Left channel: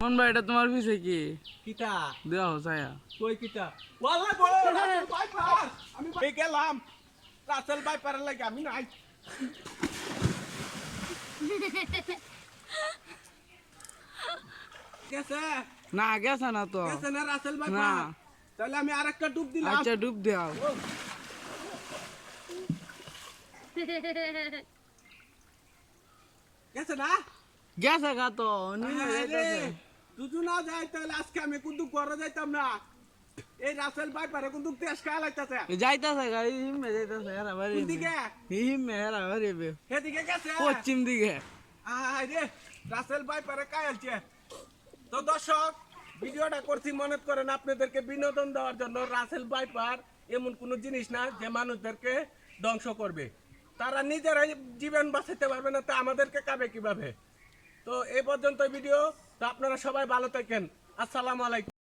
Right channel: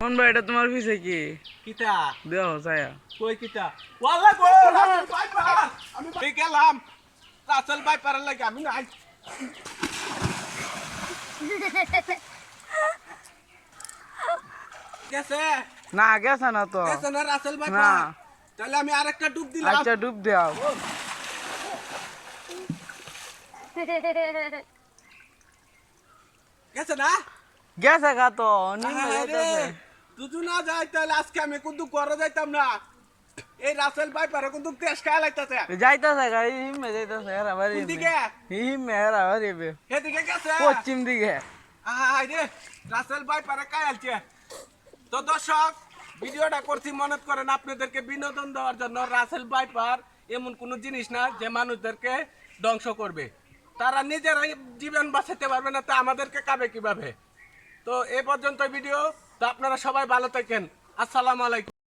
কোন ভাই এটা তোমার পিছে কি কিতা দেও ছায়া কই কিতা ওয়াল্লাহ গো রাসেল বাইপার আমি গেলাম রাসেল বাইপারের লাগি আমি নাই গেছে না গেছে না তো গেছে না রাসেল না বাইপার তাহলে আমি আরেকটা ডুব দিলাম আচ্ছা ডুব দাও গেছে না গেছে গা তো নিমে যাইতেছে তুই না যাই তাহলে আজকে আমি কিন্তু করে যাইতাম না এই রাসেল বাইপারে কিন্তু দেশ খায় লাগতেছে যাইতেছে গা হিমে যাইতেছে হেরা বাড়ি কোন দিকে হিমে হেরা বাড়ি এদিকে গেছে পশ্চিম দিকে আয় রে রাসেল বাইপারে কায়ালছে তো দর্শক ভিডিওটা করছি মনে করেন আপনাদেরকে বিনোদন দেওয়ার জন্য রাসেল বাইপার এমন কোনো জিনিস না যে মানুষদেরকে ধ্বংস করবে তারা নিজেরাই জীবন বাঁচাতে পারবে না তো আমাদেরকে কাবে কিভাবে তো এ পর্যন্ত ভিডিও তো আপনারা সবাই ভালো থাকেন আসসালামু আলাইকুম